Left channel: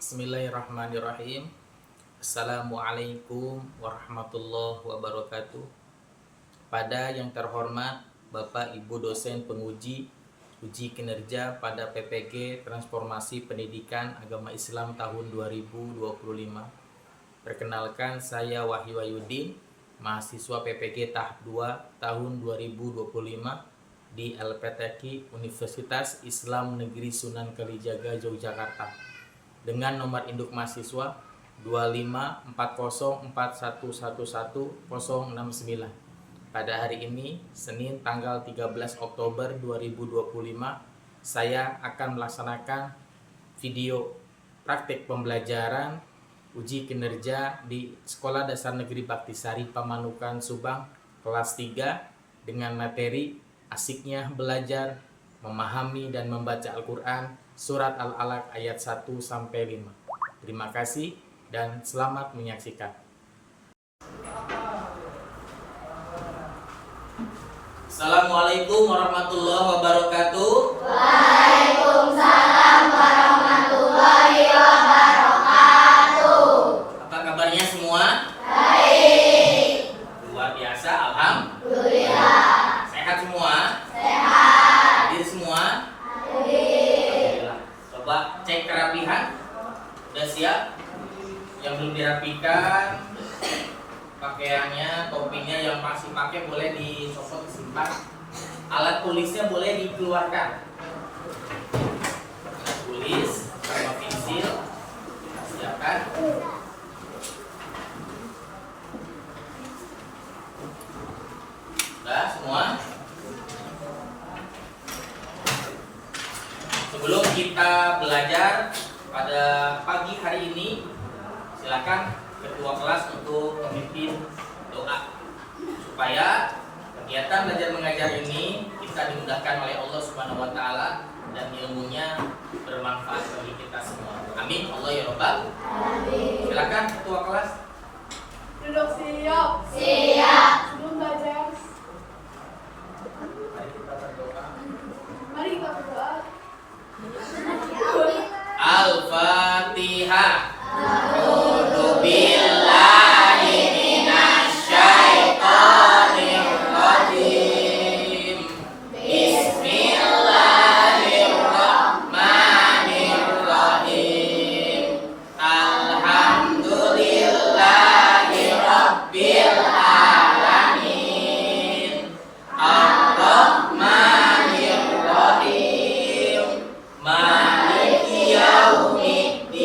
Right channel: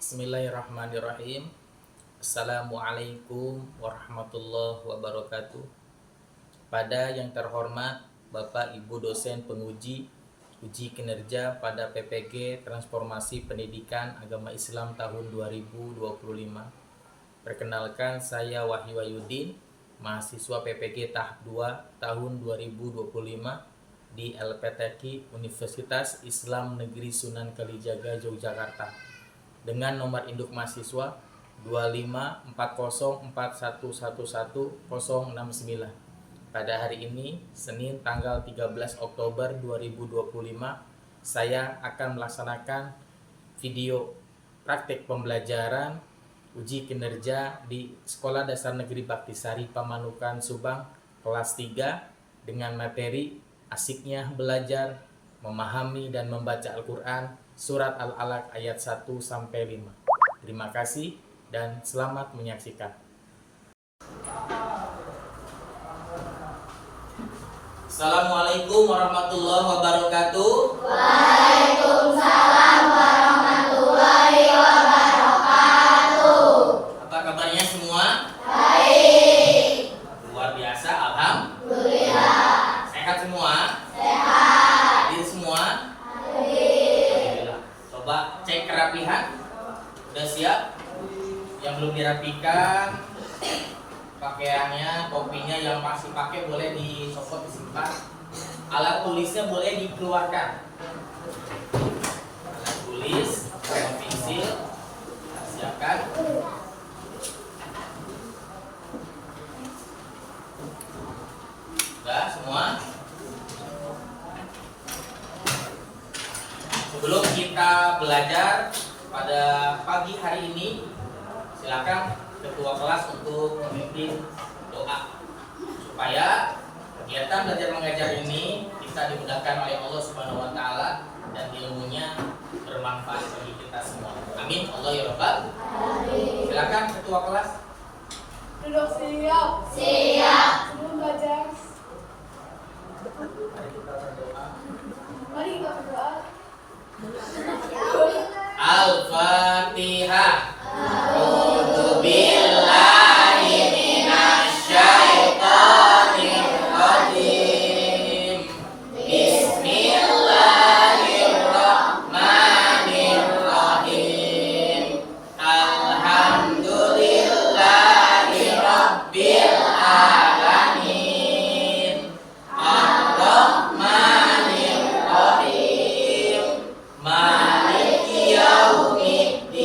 Bismillahirrahmanirrahim. Assalamualaikum warahmatullahi wabarakatuh. Pada yang terhormat Bapak Ibu dosen penguji uji kinerja pada PPG Transformasi Pendidikan Agama Islam tahun 2025. Perkenalkan, saya Wahyu Wahyudin, mahasiswa PPG tahap 2 tahun 2025 di LPTQ Universitas Islam Negeri Sunan Kalijaga, Yogyakarta, dengan nomor induk mahasiswa 25404111069. Pada hari ini, Senin tanggal 13 Oktober 2025, saya akan melaksanakan video praktik pembelajaran uji kinerja di Sekolah Dasar Negeri Baktisari Pamanukan, Subang, kelas 3 dengan materi asiknya belajar, memahami dan membaca Al-Quran, Surat Al-Alaq ayat 1-5. Terima kasih dan selamat menyaksikan. Assalamualaikum warahmatullahi wabarakatuh. Waalaikumsalam warahmatullahi wabarakatuh. Apa kabarnya semua? Baik. Luar biasa, alhamdulillah. Sehat semua? Sehat. Hadir semua? Hadir. Alhamdulillah. Coba cek kerapihan. Udah siap? Yang belum dirapikan pakaiannya, topinya yang masih pakai boleh dicopot, disimpan. Alat tulisnya boleh dikeluarkan. Alat tulis sama pensil siapkan. Udah semua? Sebelum kita belajar pada pagi hari ini, silakan ketua kelas untuk memimpin doa supaya kegiatan belajar mengajar ini bisa dimudahkan oleh Allah Subhanahu wa taala dan ilmunya bermanfaat bagi kita semua. Amin. Allah ya Rabbal. Amin. Silakan ketua kelas. Duduk siap. Siap. Sebelum belajar, Mari kita berdoa. mari kita berdoa. Al-Fatihah. A'udzu billahi minasyaitonir rajim. Bismillahirrahmanirrahim. Alhamdulillahi rabbil alamin. Ar-Rahmanir Rahim. Maliki yaumiddin.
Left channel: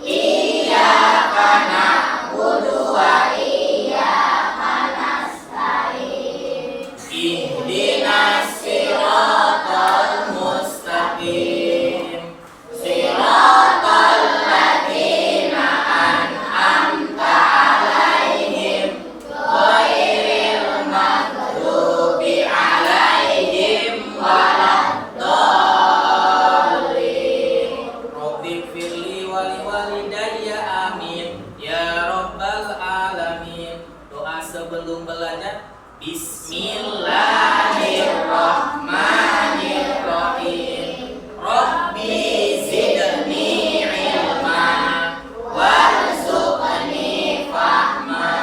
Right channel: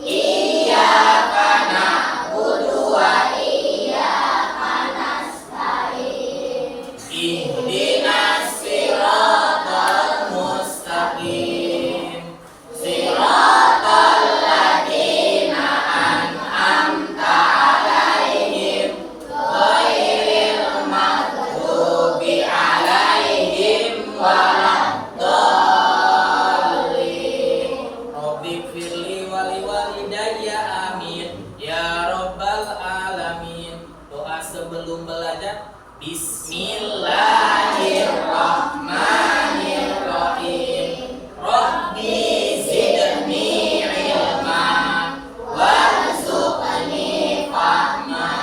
Iyyaka na'budu wa iyyaka nasta'in. Ihdinas siratal mustaqim. Siratal ladzina an'amta 'alaihim ghairil maghdubi 'alaihim waladdallin. Rabbighfirli wa liwalidayya amin ya rabbal alamin. Doa sebelum belajar. Bismillahirrahmanirrahim. Rabbi zidni ilma warzuqni fahma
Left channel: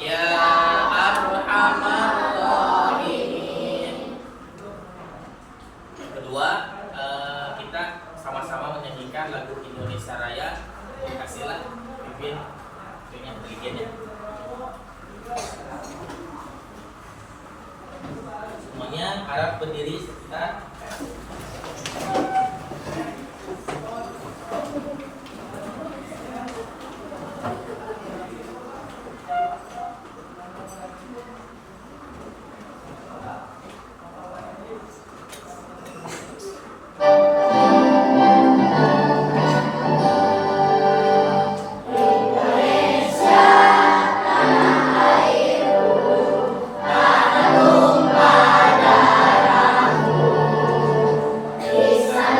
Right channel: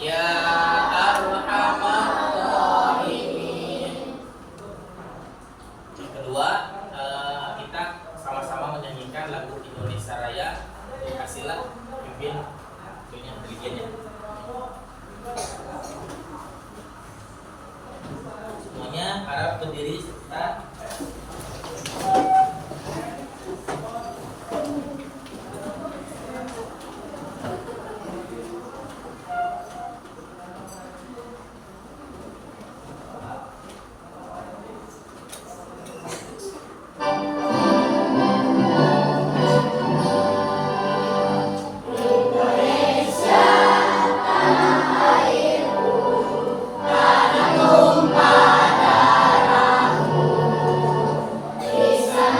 ya arhamar rahimin. Yang kedua, kita sama-sama menyanyikan lagu Indonesia Raya. Kasihlah pimpin yang bagiannya. Semuanya harap berdiri sebentar. Bisa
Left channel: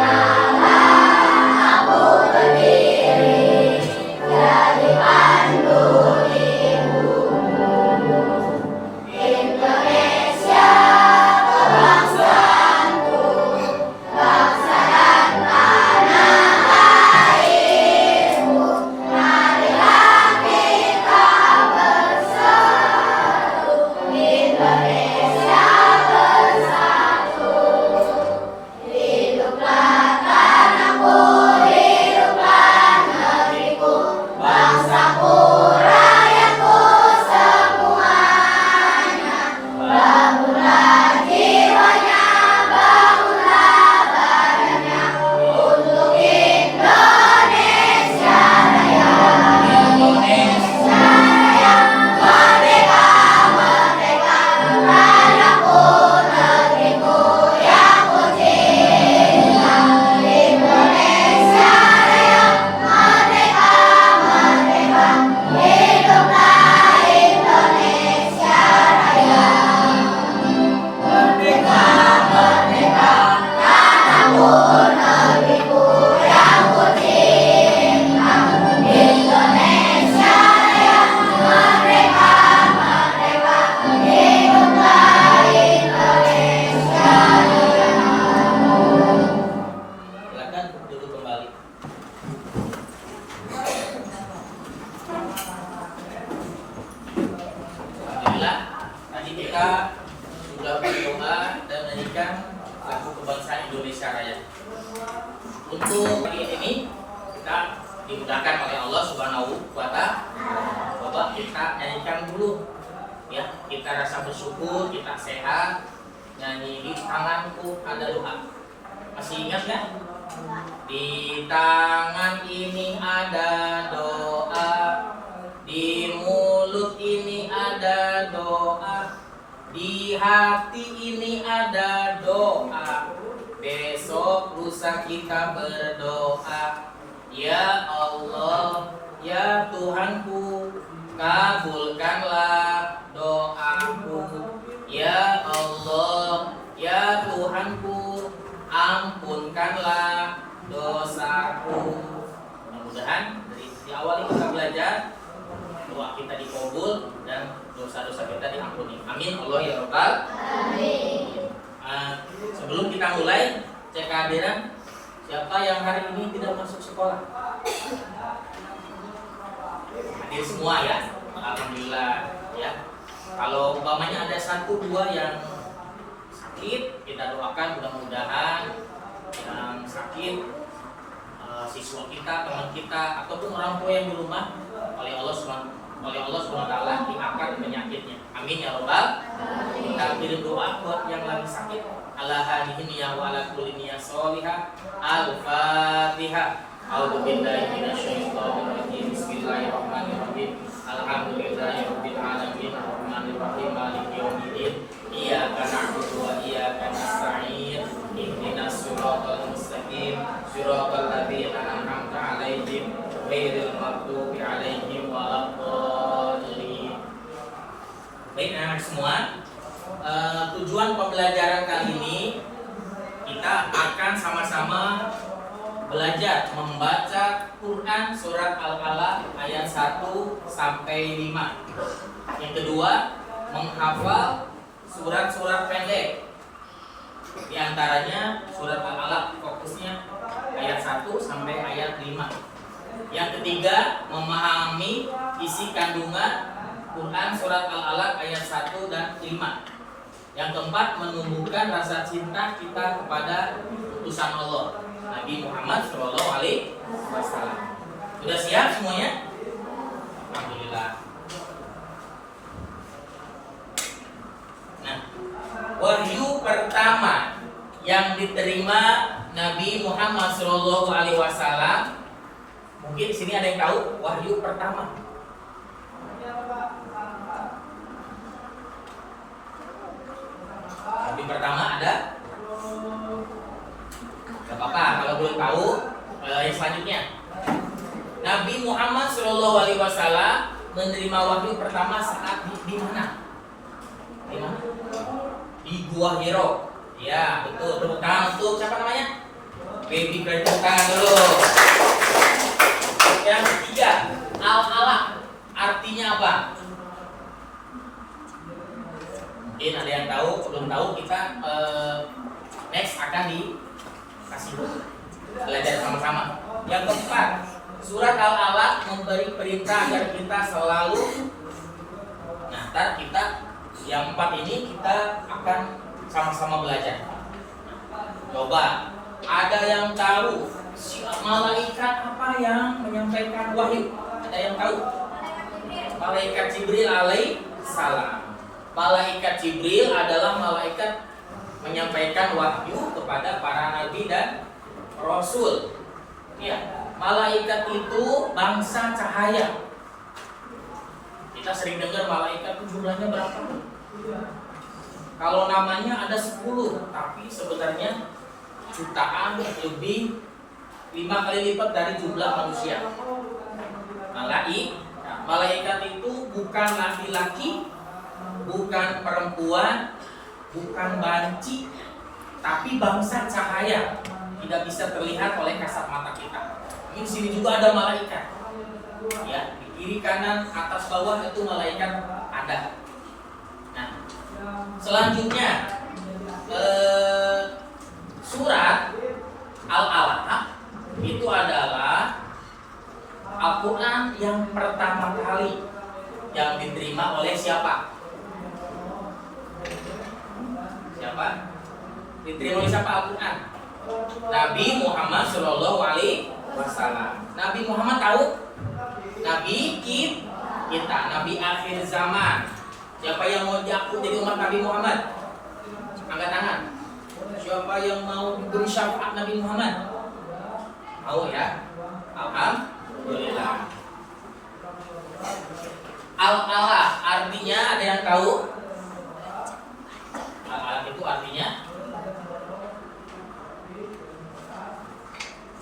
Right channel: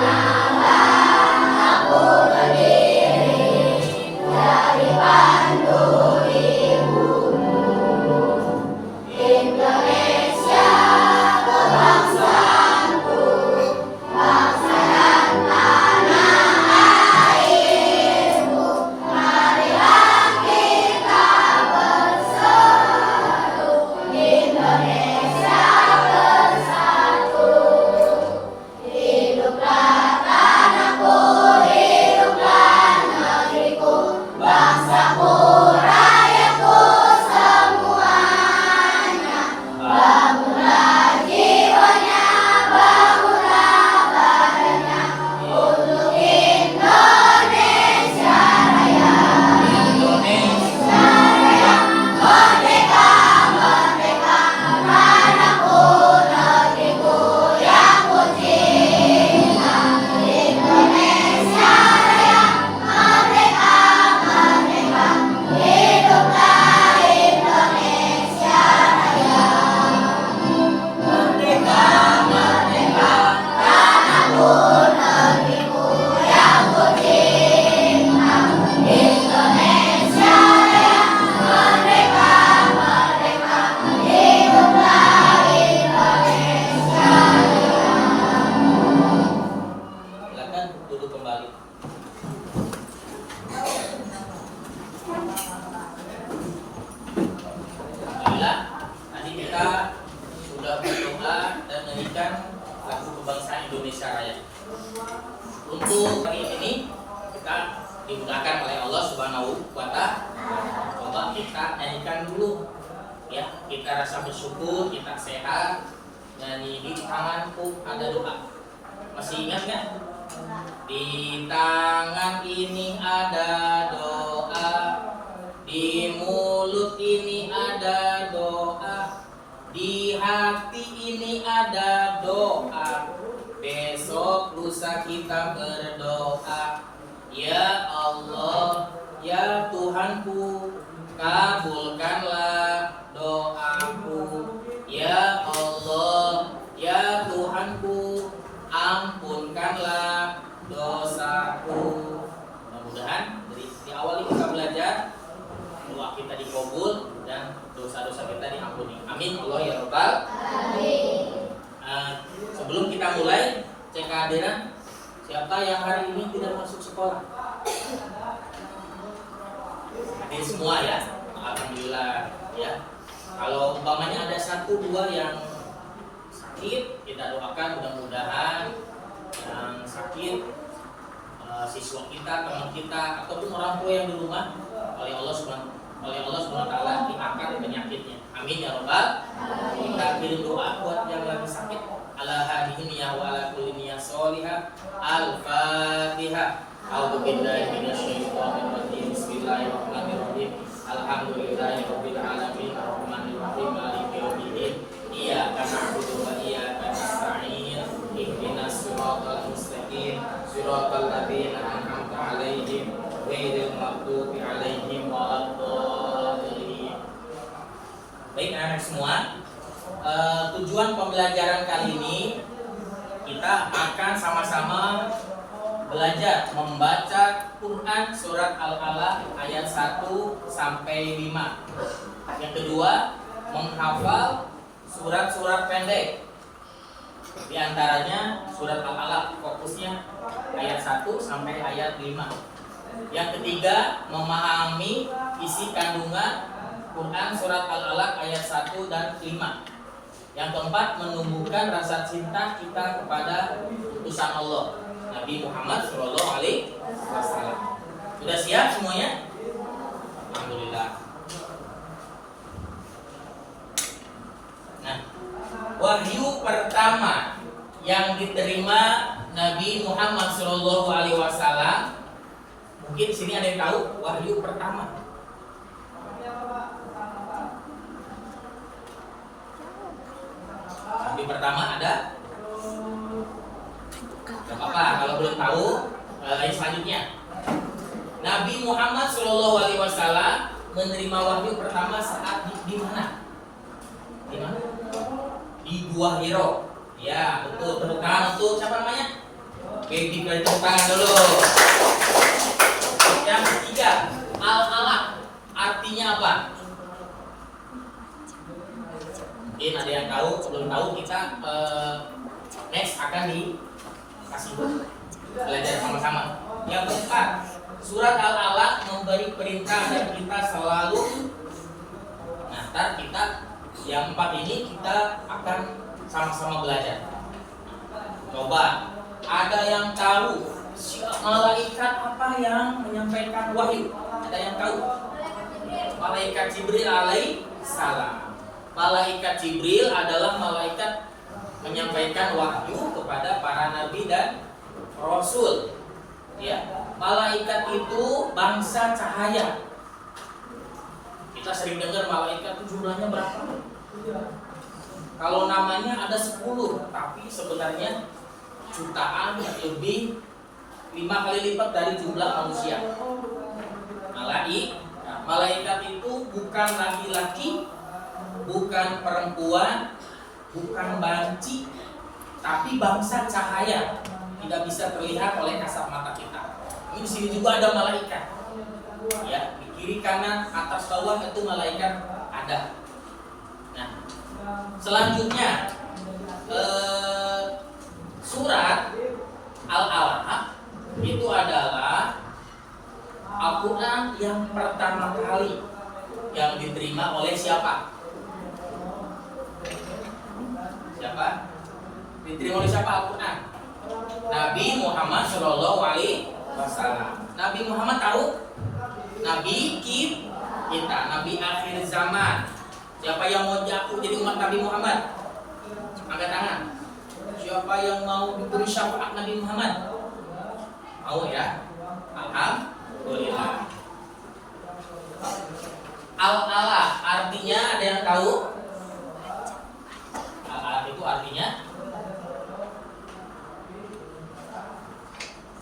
lagu kebangsaan Indonesia Raya. Untuk hari ini kita dimudahkan oleh Allah Subhanahu wa Ta'ala. Coba kita nyanyikan dulu ya, kita rasa bersyukur, kita sehat. Nyanyi di tanganku ada doa. Masih ingat nggak? Di tangan ini ada doa, di mulut ini ada doa, di hati ini ada doa. Besok lusa kita berdoa. Ya Allah, ya Tuhanku, kabulkanlah doaku. Ya Allah, ya Tuhanku, ampunkanlah dosaku. Mudah-mudahan di awal ini kita belajar, doa kita dikabul dan dosa-dosa kita diampuni. Amin Allah ya Rabbal alamin. Sebelum kita mulai, cek kehadiran. Siapa yang hari ini tidak masuk sekolah? Hadir semua ya, alhamdulillah ya. Kalau umpamanya ada 1-2 yang sakit, kita doakan mudah-mudahan yang sakit siswa kita, teman kita, ataupun orang tua yang di rumah oleh Allah Subhanahu wa Ta'ala diangkat penyakitnya. Amin ya Rabbal. Kita beri doa buat yang lagi sakit. Ala hadihi niyah wa ala kulli niyah sholihah. Al-Fatihah. A'udzu billahi minasyaitonir rajim. Bismillahirrahmanirrahim. Alhamdulillahirabbil alamin. Arrahmanir rahim. Maliki yaumiddin. Iyyaka na'budu wa iyyaka nasta'in. Ihdinas siratal mustaqim. Siratal ladzina an'amta 'alaihim ghairil maghdubi 'alaihim waladdallin. Baik anak-anak semua, tujuan pembelajaran kali ini kita akan sama-sama belajar membaca Quran surat Al-Alaq ayat 1 sampai 5. Yang kedua, menghafal surat-surat pendek. Di antaranya surat Al-Alaq, fokusnya ayat 1 sampai ayat 5. Yang ketiga, memahami isi kandungan Quran surat Al-Alaq ayat 1 dan 5. Yang keempat, menumbuhkan rasa cinta kita kepada utusan Allah Nabi Muhammad Shallallahu Alaihi Wasallam. Sudah siap semuanya? Alhamdulillah. Nah, wahyu pertama yang diterima Nabi Muhammad Shallallahu Alaihi Wasallam, mungkin di sini ada yang tahu wahyu pertama. Wahyu pertama ada? Gak apa-apa kalau belum tahu. Yang selanjutnya, Nabi Muhammad Shallallahu Alaihi Wasallam menerima wahyu pertama saat di mana? Di mana? Di Gua Hiro. Ya betul. Tepuk tangan untuk siapa namanya? Baby, tepuk tangan dulu. Yang ketiga, Al-Alaq artinya apa? Mungkin ada yang tahu, belum tahu, kita next akan dikasih belajar sama-sama. Yang keempat, surat Al-Alaq memberi perintah agar kita selalu. Nah, ntar kita yang 4 ini kita akan sama-sama belajar. Coba, ada yang tahu malaikat apa yang menyampaikan wahyu? Ada yang tahu? Malaikat Jibril alaihi salam. Malaikat Jibril adalah malaikat menyampaikan wahyu kepada para nabi dan rasul. Ya, malaikat itu bangsa cahaya. Kita sering dengar malaikat itu jumlahnya berapa? Kalau namanya ada 10, tapi sebenarnya jutaan, lebih 5 kali lipat dari jumlah manusia. Malaikat itu bukan laki-laki, bukan perempuan, bukan banci, tapi bangsa cahaya, tidak bisa terlihat oleh kasat mata kita. Ini di sini juga ada malaikat. Ya, di kiri kanan atas bawah itu malaikat ada. Nah, selanjutnya surat Al-Alaq itu adalah Al-Quran yang pertama kali yang diterima oleh siapa? Siapa? Diterima oleh siapa Al-Quran? Nabi Muhammad Shallallahu Alaihi Wasallam. Nabi Muhammad tahu? Nabi kita, Nabi akhir zaman. Siapa yang mau jatuh jadi umat Nabi Muhammad? Angkat tangan. Siapa yang mau diberi syafaat Nabi Muhammad? Mau ya? Alhamdulillah. Al-alah artinya ada yang tahu? Al-alah itu artinya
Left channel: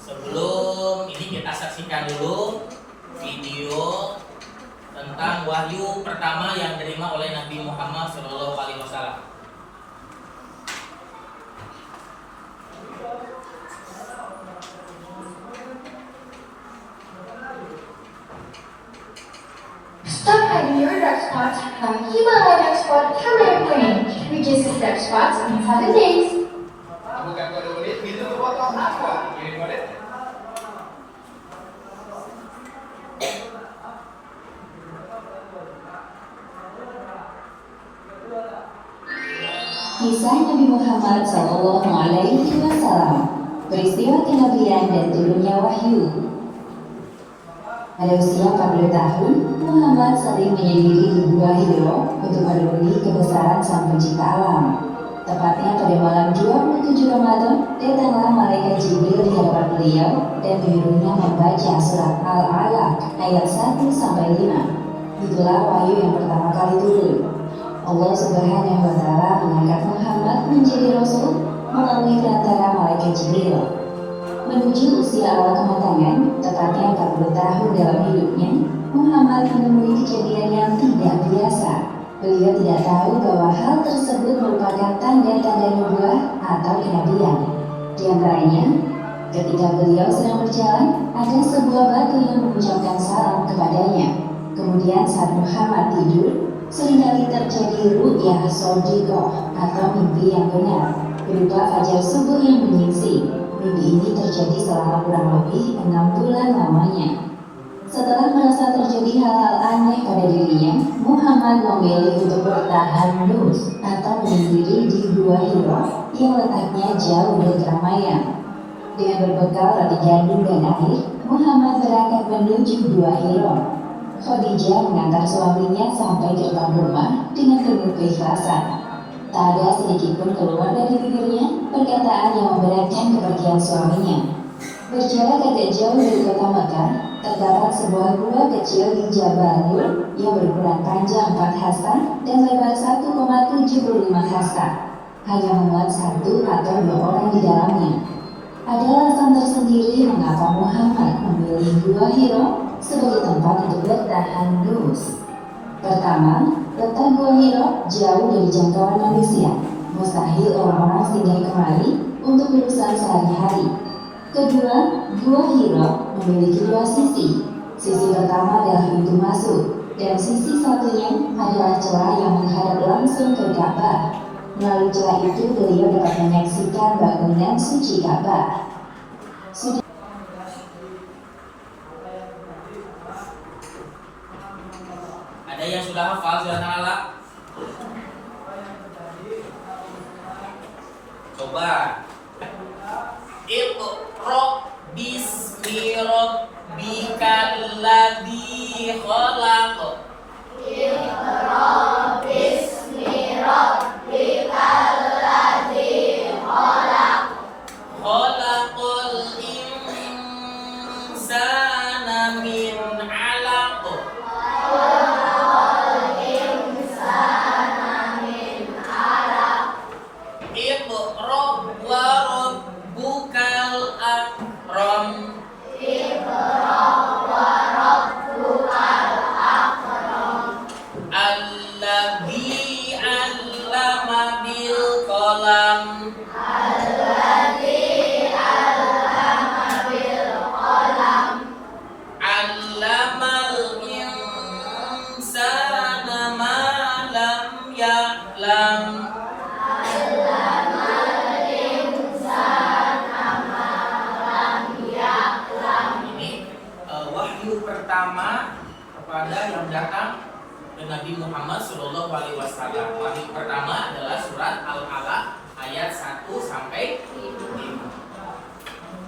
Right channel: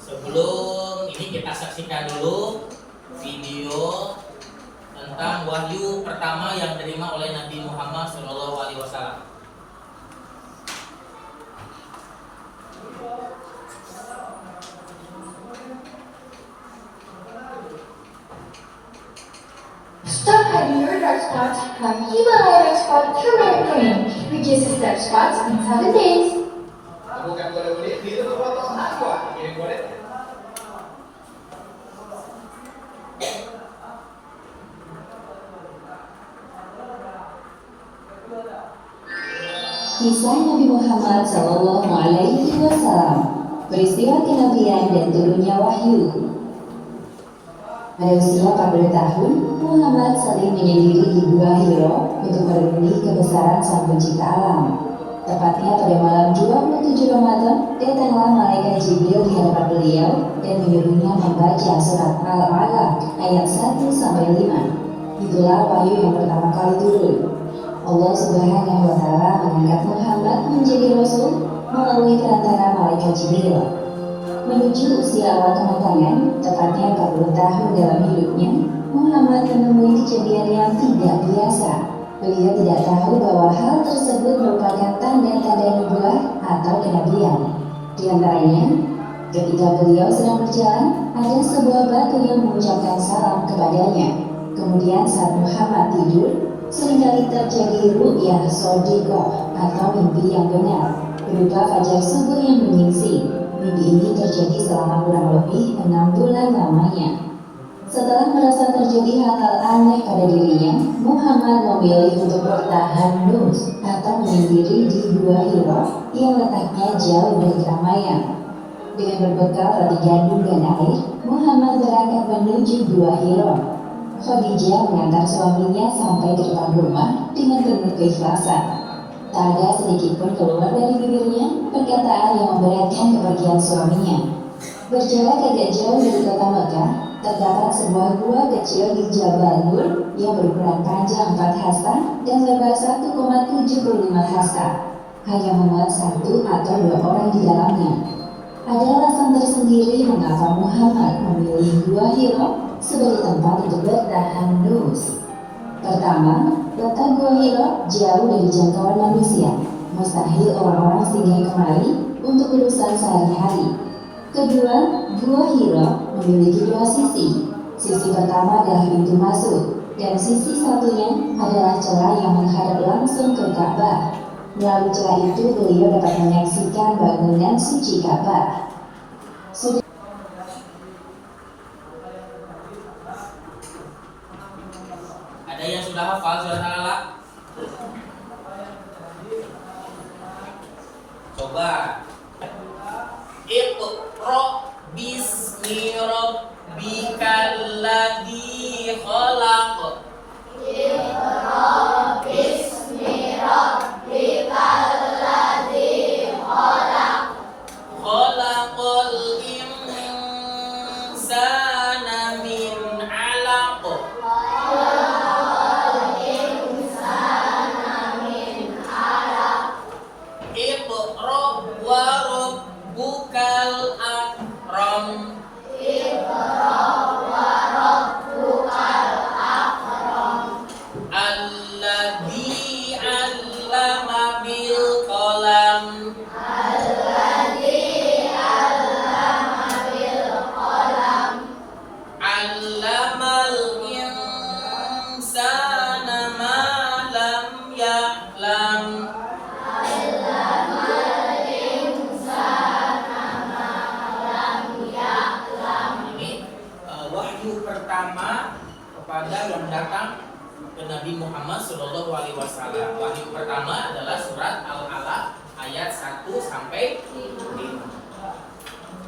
sebelum ini kita saksikan dulu video tentang wahyu pertama yang diterima oleh Nabi Muhammad SAW. Stop hiding your dark spots from Himalaya Dark Spot Turmeric Cream. Reduces dark spots in 7 days. Bukan kode menit, gitu berpotong apa? Kirim kode. Kisah Nabi Muhammad Sallallahu Alaihi Wasallam, peristiwa kenabian dan turunnya wahyu. Pada usia 40 tahun, Muhammad sering menyendiri di Gua Hiro untuk merenungi kebesaran Sang Pencipta alam. Tepatnya pada malam 27 Ramadan, datanglah malaikat Jibril di hadapan beliau dan menyuruhnya membaca surat Al-Alaq ayat 1-5. Itulah wahyu yang pertama kali turun. Allah Subhanahu wa Ta'ala mengangkat Muhammad menjadi Rasul melalui perantara malaikat Jibril. Menuju usia awal kematangan, tepatnya 40 tahun dalam hidupnya, Muhammad menemui kejadian yang tidak biasa. Beliau tidak tahu bahwa hal tersebut merupakan tanda-tanda nubuah atau kenabian. Di antaranya, ketika beliau sedang berjalan, ada sebuah batu yang mengucapkan salam kepadanya. Kemudian saat Muhammad tidur, seringkali terjadi ru'yah shodiqah atau mimpi yang benar, berupa fajar subuh yang menyingsing. Mimpi ini terjadi selama kurang lebih 6 bulan lamanya. Setelah merasa terjadi hal-hal aneh pada dirinya, Muhammad memilih untuk bertahan nus atau menyendiri di Gua Hiro yang letaknya jauh dari keramaian. Dengan berbekal roti gandum dan air, Muhammad berangkat menuju Gua Hiro. Khadijah mengantar suaminya sampai gerbang rumah dengan penuh keikhlasan. Tak ada sedikit pun keluar dari bibirnya perkataan yang memberatkan kepergian suaminya. Berjarak agak jauh dari kota Mekah, terdapat sebuah gua kecil di Jabal Nur yang berukuran panjang 4 hasta dan lebar 1,75 hasta. Hanya memuat 1 atau 2 orang di dalamnya. Ada alasan tersendiri mengapa Muhammad memilih Gua Hiro sebagai tempat untuk bertahan nus. Pertama, letak Gua Hiro jauh dari jangkauan manusia. Mustahil orang-orang singgah kemari untuk urusan sehari-hari. Kedua, Gua Hiro memiliki 2 sisi. Sisi pertama adalah pintu masuk, dan sisi satunya adalah celah yang menghadap langsung ke Ka'bah. Melalui celah itu beliau dapat menyaksikan bangunan suci Ka'bah. Ada yang sudah hafal surat Al-Alaq? Coba. Iqra bismi rabbikal ladzi khalaq. Iqra bismi rabbikal ladzi khalaq. Khalaqal insana min 'alaq. Khalaqal insana min 'alaq. Iqra wa rabbukal akram. Iqra wa rabbukal akram. Alladzi 'allama bil qalam. Alladzi 'allama bil qalam. 'Allamal insana ma lam ya'lam. Ini wahyu pertama kepada yang datang ke Nabi Muhammad Shallallahu Alaihi Wasallam. Wahyu pertama adalah surat Al-Alaq ayat 1 sampai 5.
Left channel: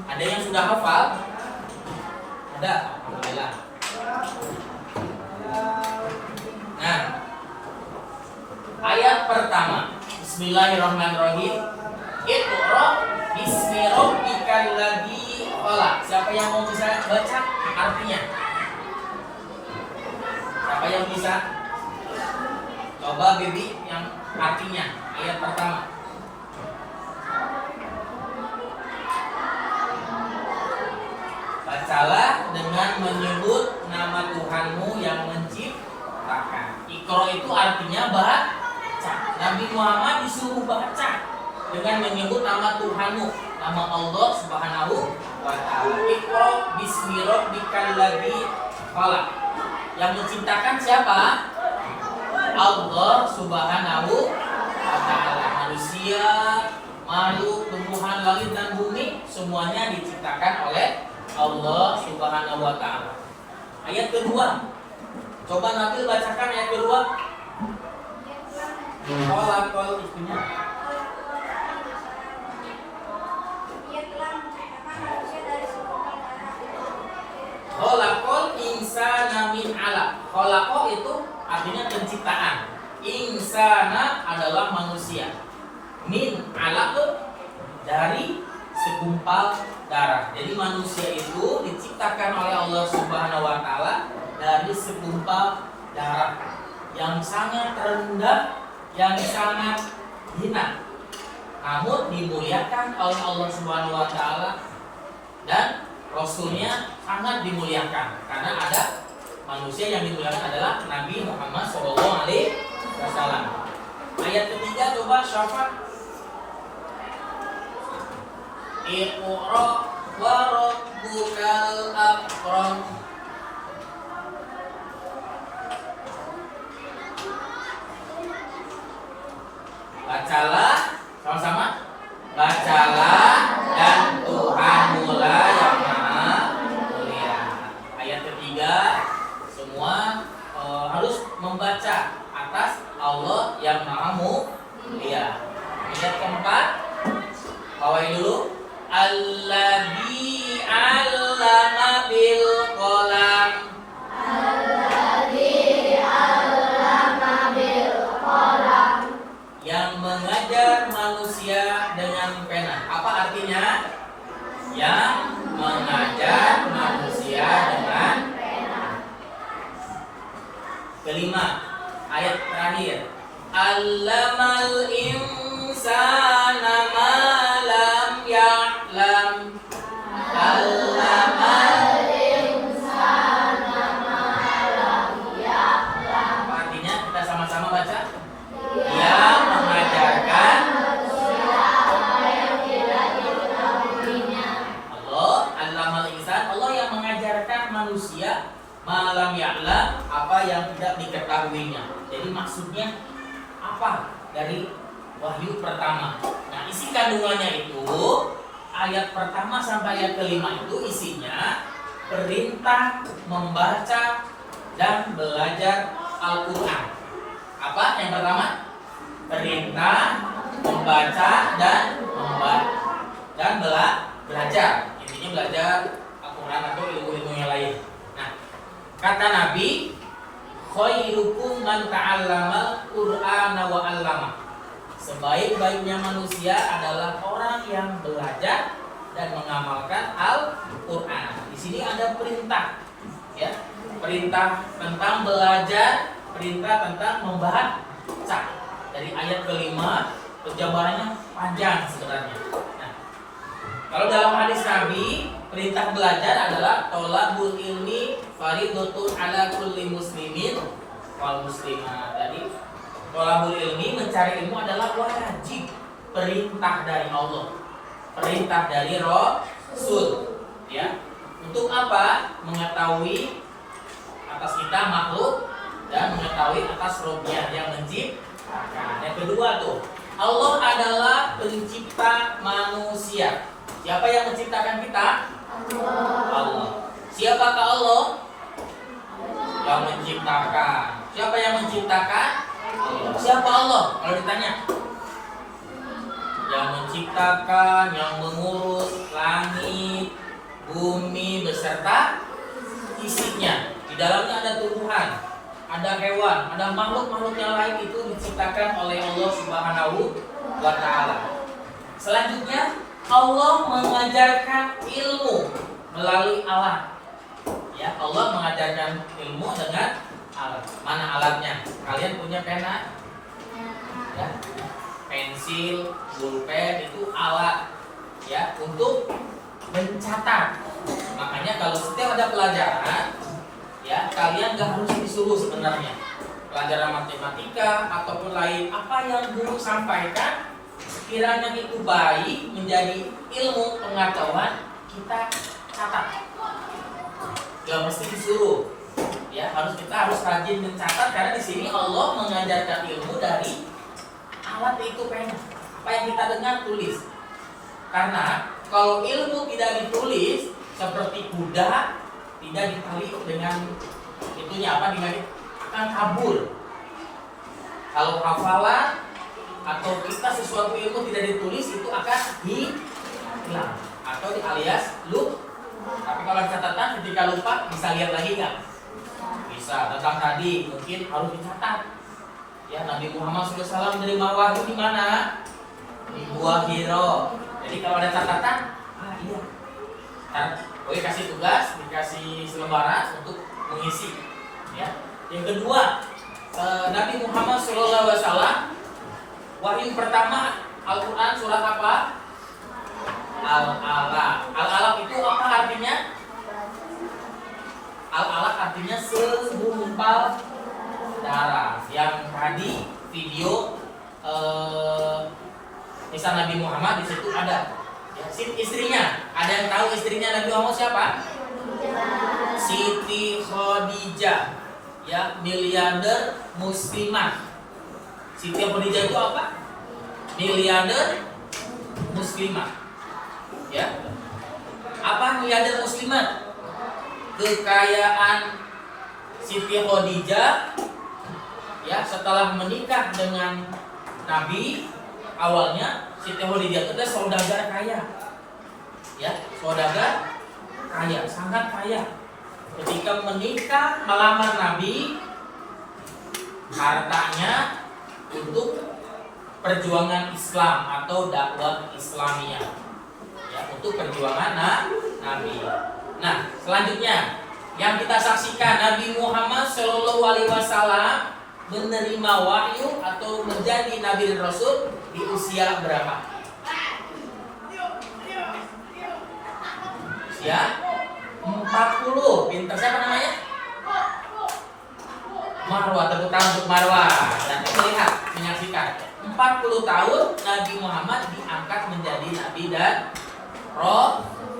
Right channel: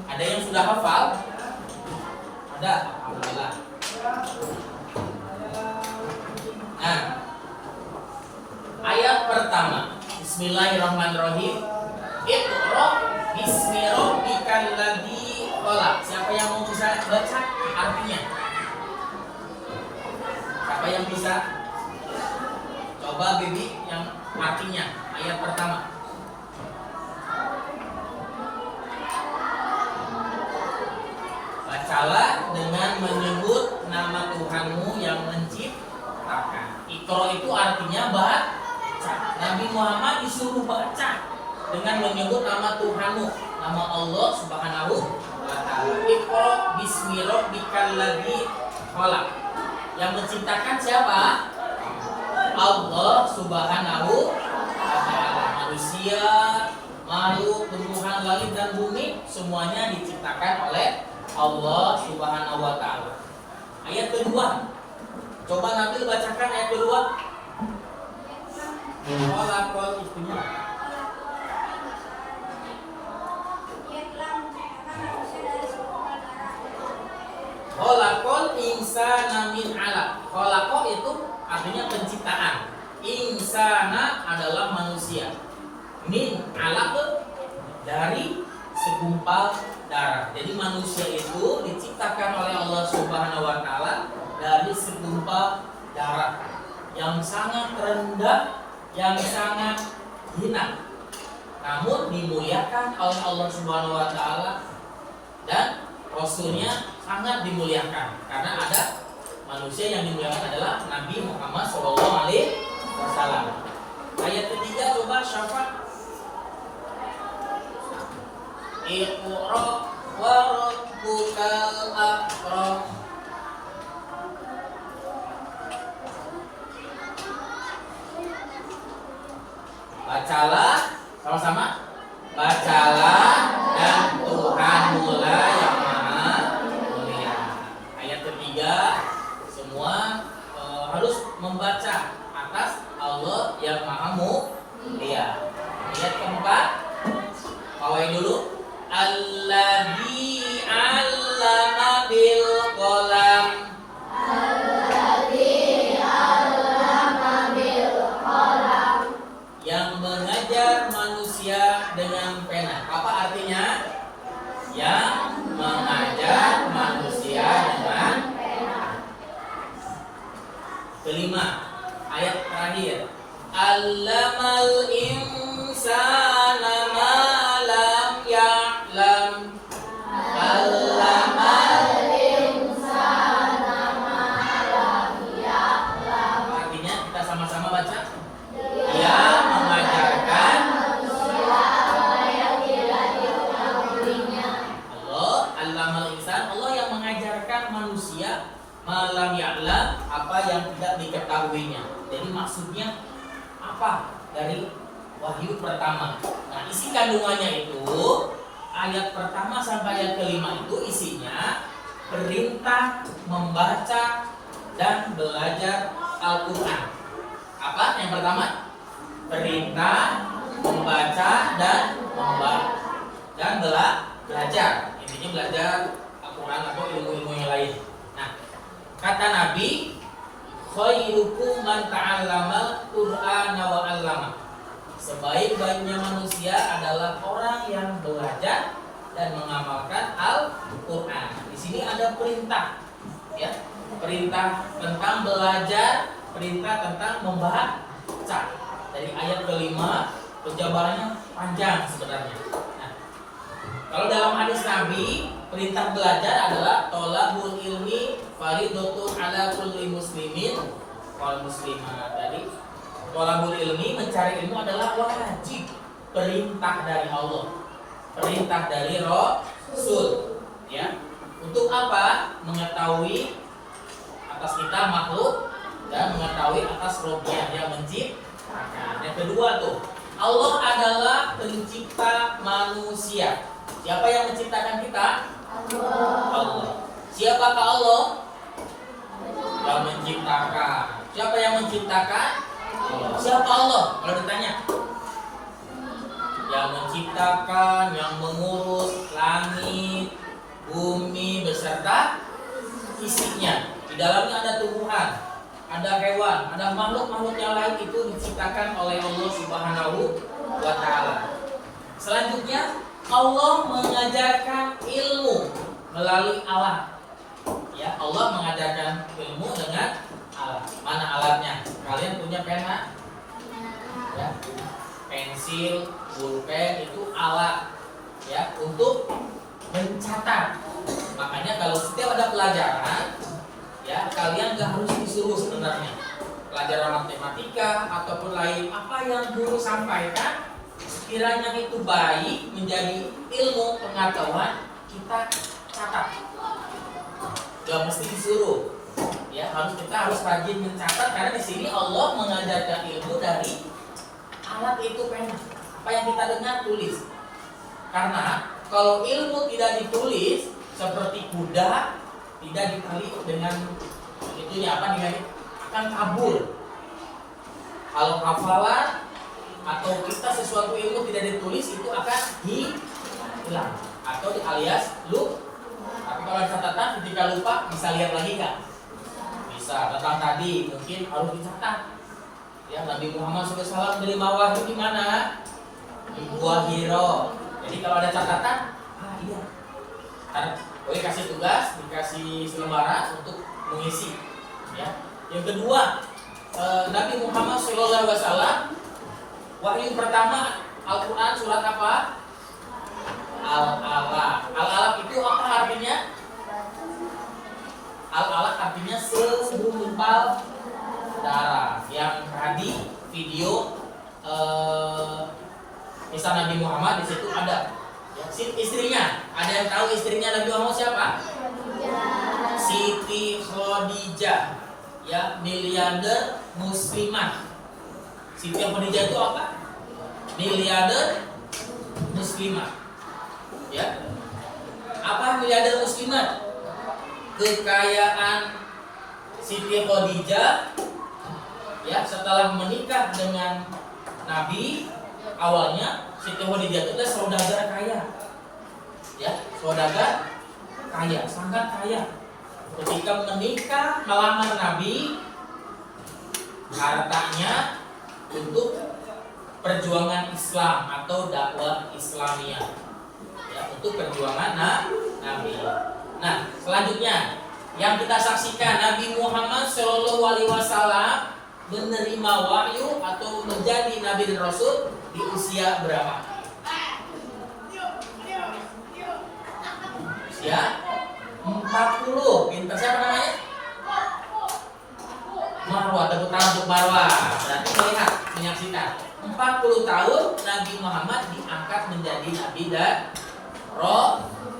Ada yang sudah hafal? Ada, alhamdulillah. Nah, ayat pertama, Bismillahirrahmanirrahim. Iqra bismi rabbikal ladzi khalaq. Siapa yang mau bisa baca artinya? Siapa yang bisa? Coba Bibi yang artinya ayat pertama. Bacalah dengan menyebut nama Tuhanmu yang menciptakan. Iqra itu artinya baca. Nabi Muhammad disuruh baca dengan menyebut nama Tuhanmu, nama Allah Subhanahu wa taala. Iqra bismi rabbikal ladzi khalaq. Yang menciptakan siapa? Allah Subhanahu wa taala. Manusia, makhluk, tumbuhan, langit dan bumi semuanya diciptakan oleh Allah Subhanahu wa taala. Ayat kedua. Coba Nabil bacakan ayat kedua. Khalaqal itunya. Khalaqal insana min 'alaq. Khalaqa itu artinya penciptaan. Insana adalah manusia. Min 'alaq dari segumpal darah. Jadi manusia itu diciptakan oleh Allah Subhanahu wa taala dari segumpal darah yang sangat rendah, yang sangat hina. Namun dimuliakan oleh Allah Subhanahu wa taala dan Rasulnya sangat dimuliakan karena ada manusia yang dimuliakan adalah Nabi Muhammad SAW. Ayat ketiga coba Syafa. Iqra wa rabbukal akram. Bacalah sama-sama. Bacalah dan Tuhanmu lah yang maha mulia. Ayat ketiga semua harus membaca atas Allah yang maha mulia. Ayat keempat bawain dulu. Alladzi 'allama bil qalam. Alladzi 'allama bil qalam. Yang mengajar manusia dengan pena. Apa artinya? Yang mengajar manusia dengan pena. Kelima, ayat terakhir. Allamal insana ma lam ya'lam. Allamal insana ma lam ya'lam. artinya kita sama-sama baca. Yang mengajarkan Allah, allamal insan, Allah yang mengajarkan manusia malam ya'lam, apa yang tidak diketahuinya. Jadi maksudnya apa dari wahyu pertama? Nah, isi kandungannya itu ayat pertama sampai ayat kelima itu isinya perintah membaca dan belajar Al-Quran. Apa yang pertama? Perintah membaca dan belajar. Intinya belajar Al-Quran atau ilmu-ilmu yang lain. Nah, kata Nabi, khairukum man ta'allamal Qur'ana wa 'allama. Sebaik-baiknya manusia adalah orang yang belajar dan mengamalkan Al-Qur'an. Di sini ada perintah, ya. Perintah tentang belajar, perintah tentang membaca. Dari ayat kelima, penjabarannya panjang sebenarnya. Nah, kalau dalam hadis Nabi, perintah belajar adalah tolabul ilmi faridatun ala kulli muslimin wal muslimah. Jadi tolabul ilmi, mencari ilmu adalah wajib, perintah dari Allah, perintah dari Rasul, ya. Untuk apa? Mengetahui atas kita makhluk dan mengetahui atas Rabbnya yang menciptakan. Yang kedua tuh, Allah adalah pencipta manusia. Siapa yang menciptakan kita? Allah. Siapakah Allah? Yang menciptakan. Siapa yang menciptakan? Allah. Siapa Allah? Kalau ditanya, yang menciptakan, yang mengurus langit, bumi beserta isinya. Di dalamnya ada tumbuhan, ada hewan, ada makhluk-makhluk yang lain itu diciptakan oleh Allah Subhanahu wa taala. Selanjutnya Allah mengajarkan ilmu melalui alat. Ya, Allah mengajarkan ilmu dengan alat. Mana alatnya? Kalian punya pena? Ya. Pensil, pulpen itu alat ya untuk mencatat. Makanya kalau setiap ada pelajaran ya kalian gak harus disuruh sebenarnya. Pelajaran matematika ataupun lain apa yang guru sampaikan kiranya itu baik menjadi ilmu pengetahuan kita catat. Gak mesti disuruh. Ya, kita harus rajin mencatat karena di sini Allah mengajarkan ilmu dari alat itu pena. Apa yang kita dengar tulis. Karena kalau ilmu tidak ditulis seperti kuda tidak ditali dengan itunya apa dengan akan kabur. Kalau hafalan atau kita sesuatu ilmu tidak ditulis itu akan hilang atau alias lupa. Tapi kalau catatan ketika lupa bisa lihat lagi nggak? Bisa. Tentang tadi mungkin harus dicatat. Ya, Nabi Muhammad SAW menerima wahyu di mana? Di Gua Hiro. Jadi kalau ada catatan, iya. Boleh kasih tugas, dikasih selembaran untuk mengisi. Ya. Yang kedua, Nabi Muhammad SAW wahyu pertama Al-Quran surat apa? Al-Alaq. Al-Alaq itu apa artinya? Al-Alaq artinya segumpal darah. Yang tadi video kisah Nabi Muhammad di situ ada. Ya, istrinya, ada yang tahu istrinya Nabi Muhammad siapa? Siti Khadijah, ya miliarder muslimah. Siti Khadijah itu apa? Miliarder muslimah. Ya, apa miliarder muslimah? Kekayaan Siti Khadijah, ya setelah menikah dengan Nabi awalnya Siti Khadijah itu adalah saudagar kaya. Ya, saudagar kaya, sangat kaya. Ketika menikah melamar Nabi, hartanya untuk perjuangan Islam atau dakwah Islamiyah. Ya, untuk perjuangan Nabi. Nah, selanjutnya yang kita saksikan Nabi Muhammad SAW menerima wahyu atau menjadi Nabi dan Rasul di usia berapa? Usia 40. Pintar siapa namanya? Marwah, tepuk tangan untuk Marwah. Berarti melihat, menyaksikan 40 tahun Nabi Muhammad diangkat menjadi Nabi dan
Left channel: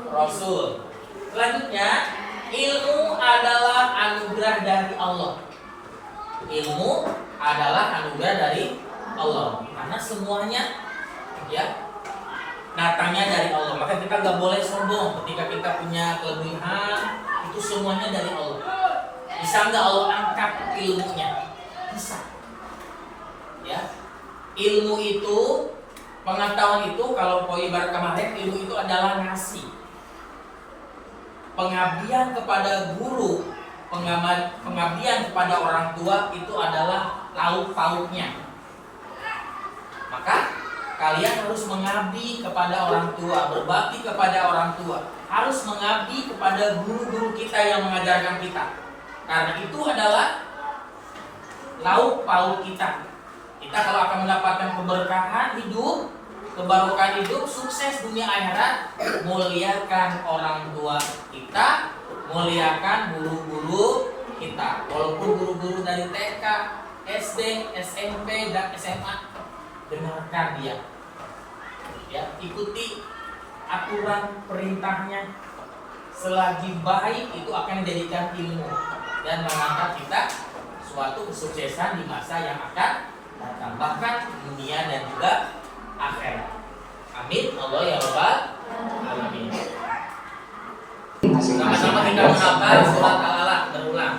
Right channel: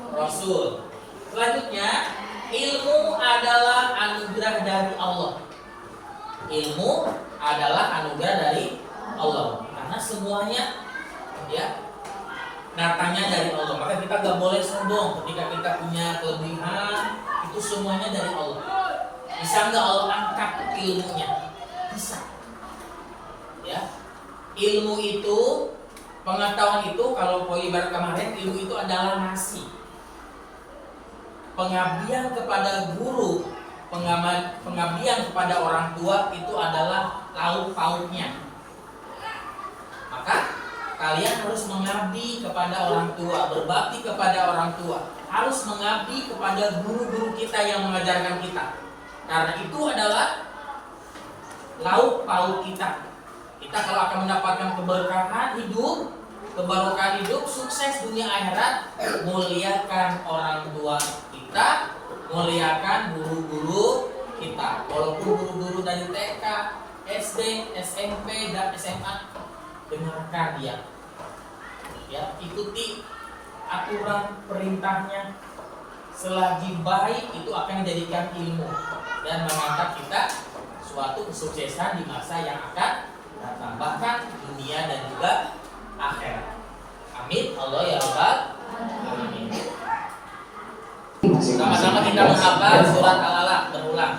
Rasul. Selanjutnya, ilmu adalah anugerah dari Allah. Ilmu adalah anugerah dari Allah. Karena semuanya ya datangnya dari Allah. Maka kita gak boleh sombong ketika kita punya kelebihan. Itu semuanya dari Allah. Bisa nggak Allah angkat ilmunya? Bisa. Ya, ilmu itu, pengetahuan itu, kalau ibarat kemarin, ilmu itu adalah nasi. Pengabdian kepada guru, pengabdian kepada orang tua itu adalah lauk pauknya. Maka kalian harus mengabdi kepada orang tua, berbakti kepada orang tua, harus mengabdi kepada guru-guru kita yang mengajarkan kita. Karena itu adalah lauk pauk kita. Kita kalau akan mendapatkan keberkahan hidup, kebarokan hidup, sukses dunia akhirat, muliakan orang tua kita, muliakan guru-guru kita. Walaupun guru-guru dari TK, SD, SMP, dan SMA, dengarkan dia. Ya, ikuti aturan perintahnya. Selagi baik itu akan menjadikan ilmu dan mengangkat kita suatu kesuksesan di masa yang akan datang, bahkan dunia dan juga akhirat. Amin. Allah ya Rabbal alamin. Sama-sama kita menghafal surat Al-Alaq berulang.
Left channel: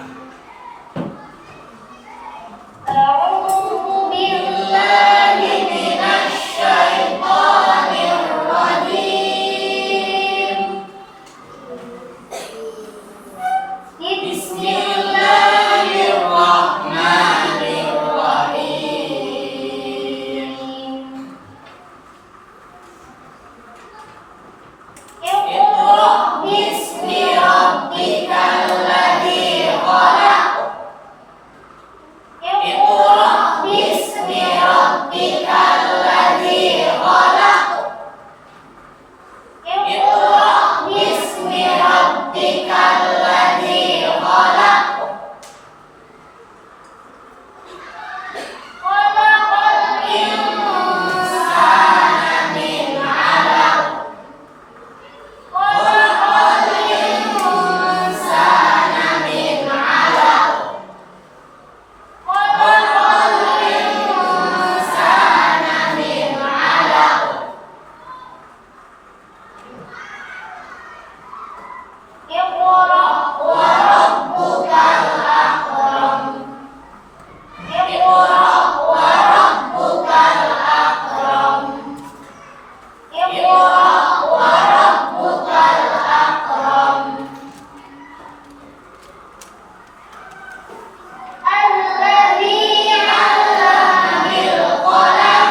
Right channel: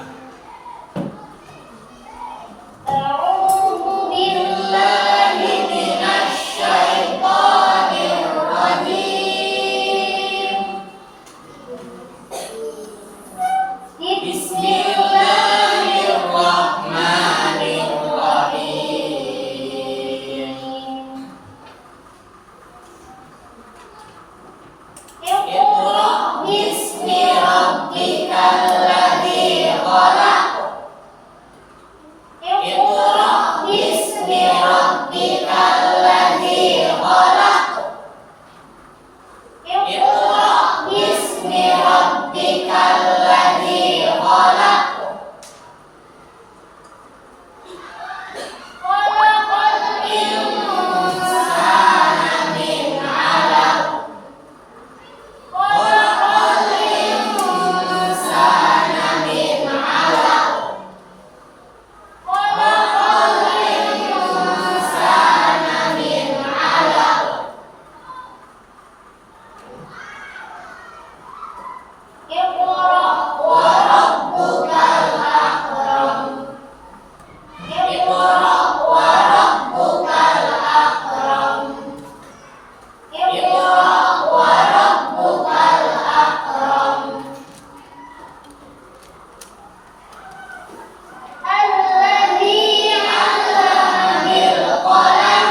A'udzu billahi minasy syaithanir rabbikal ladzi khalaq. Khalaqal insana min 'alaq. Khalaqal insana min 'alaq. Khalaqal insana min 'alaq. Iqra wa rabbukal akram. Iqra wa rabbukal akram. Iqra wa rabbukal akram. Alladzi 'allama bil qalam.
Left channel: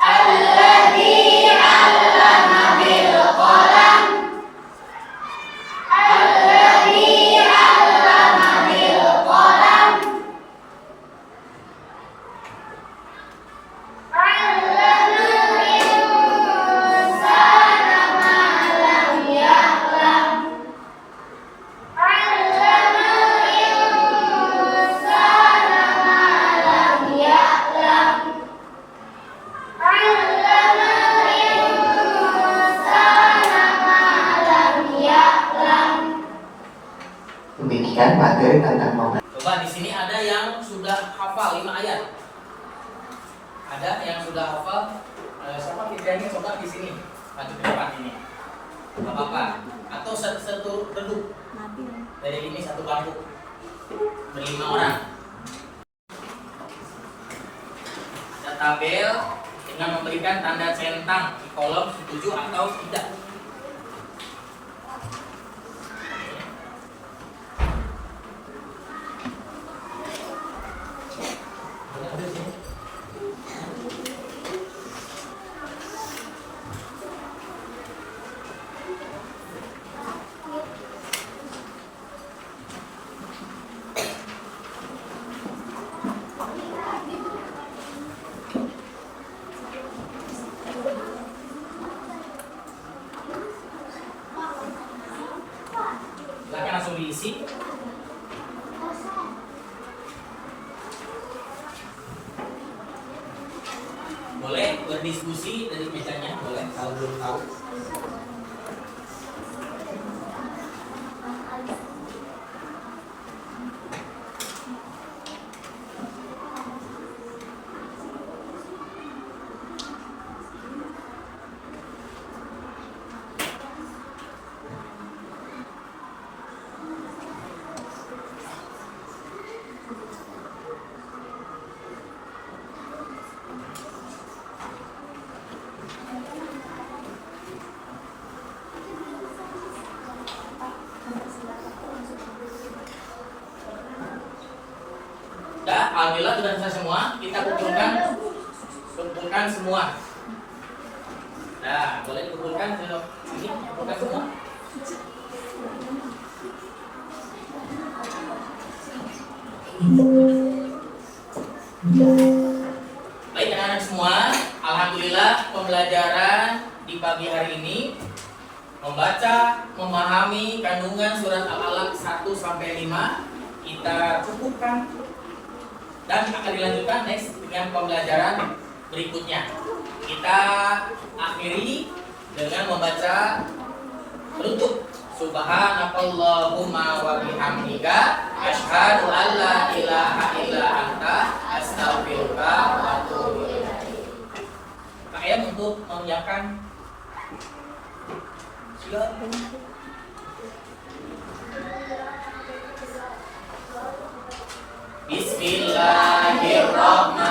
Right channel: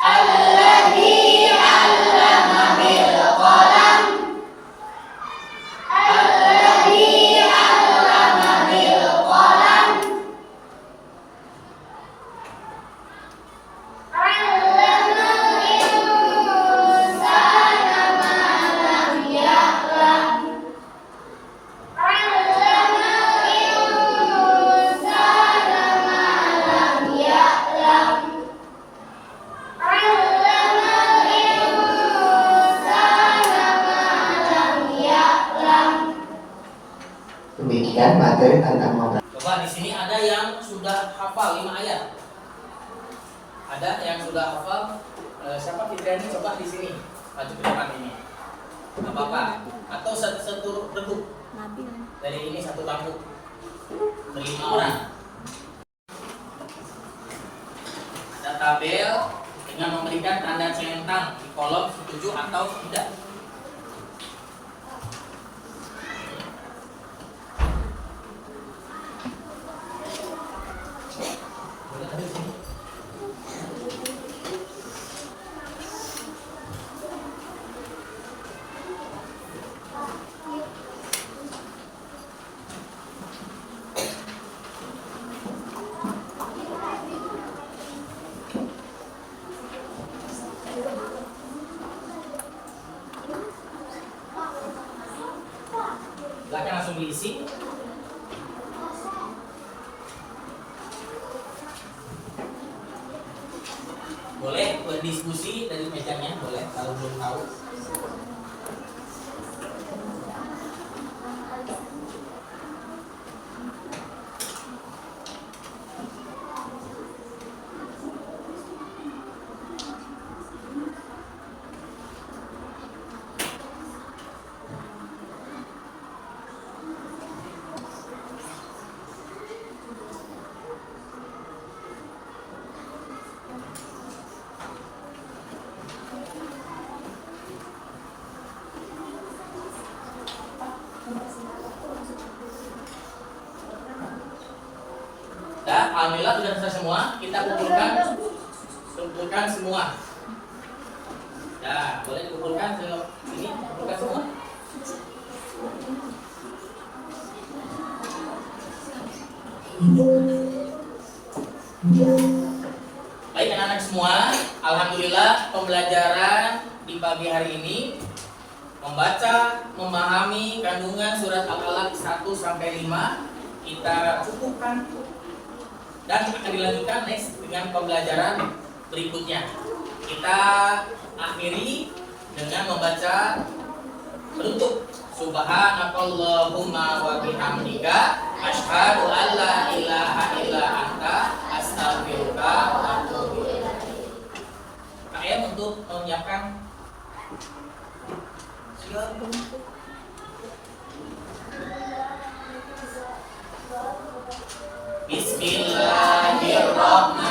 Alladzi 'allama bil qalam. Alladzi 'allama bil qalam. 'Allamal insana ma lam ya'lam. 'Allamal insana ma lam ya'lam. 'Allamal insana ma lam ya'lam. Demikian materi tentang membaca. Coba di sini ada yang sudah hafal 5 ayat. Ada yang sudah hafal? Siapa Fitriani? Coba di sini maju ke depan ini. Gak apa-apa. Atau satu reduk. Dari ini satu bangku. Berlima orang. Ada tabel dengan memberikan tanda centang di kolom setuju atau tidak. Silakan langsung diisi. Boleh berdiskusi dari mejanya, boleh kalau belum tahu. Dah, alhamdulillah sudah selesai semua. Kita kumpulkan semua. Dah, boleh dikumpulkan ke sini, kumpulkan semua. Baik anak-anak semua, alhamdulillah pembelajaran di pagi hari ini membaca, memahami kandungan surat Al-Alaq 1 sampai 5 kita cukupkan. Dan akan dilanjutkan next dengan pembelajaran berikutnya. Kita akhiri dengan membaca penutup. Subhanakallahumma wa bihamdika asyhadu an la ilaha illa anta astaghfiruka wa atubu ilaik. Kak Ayam untuk menyiapkan. Silakan. Bismillahirrahmanirrahim.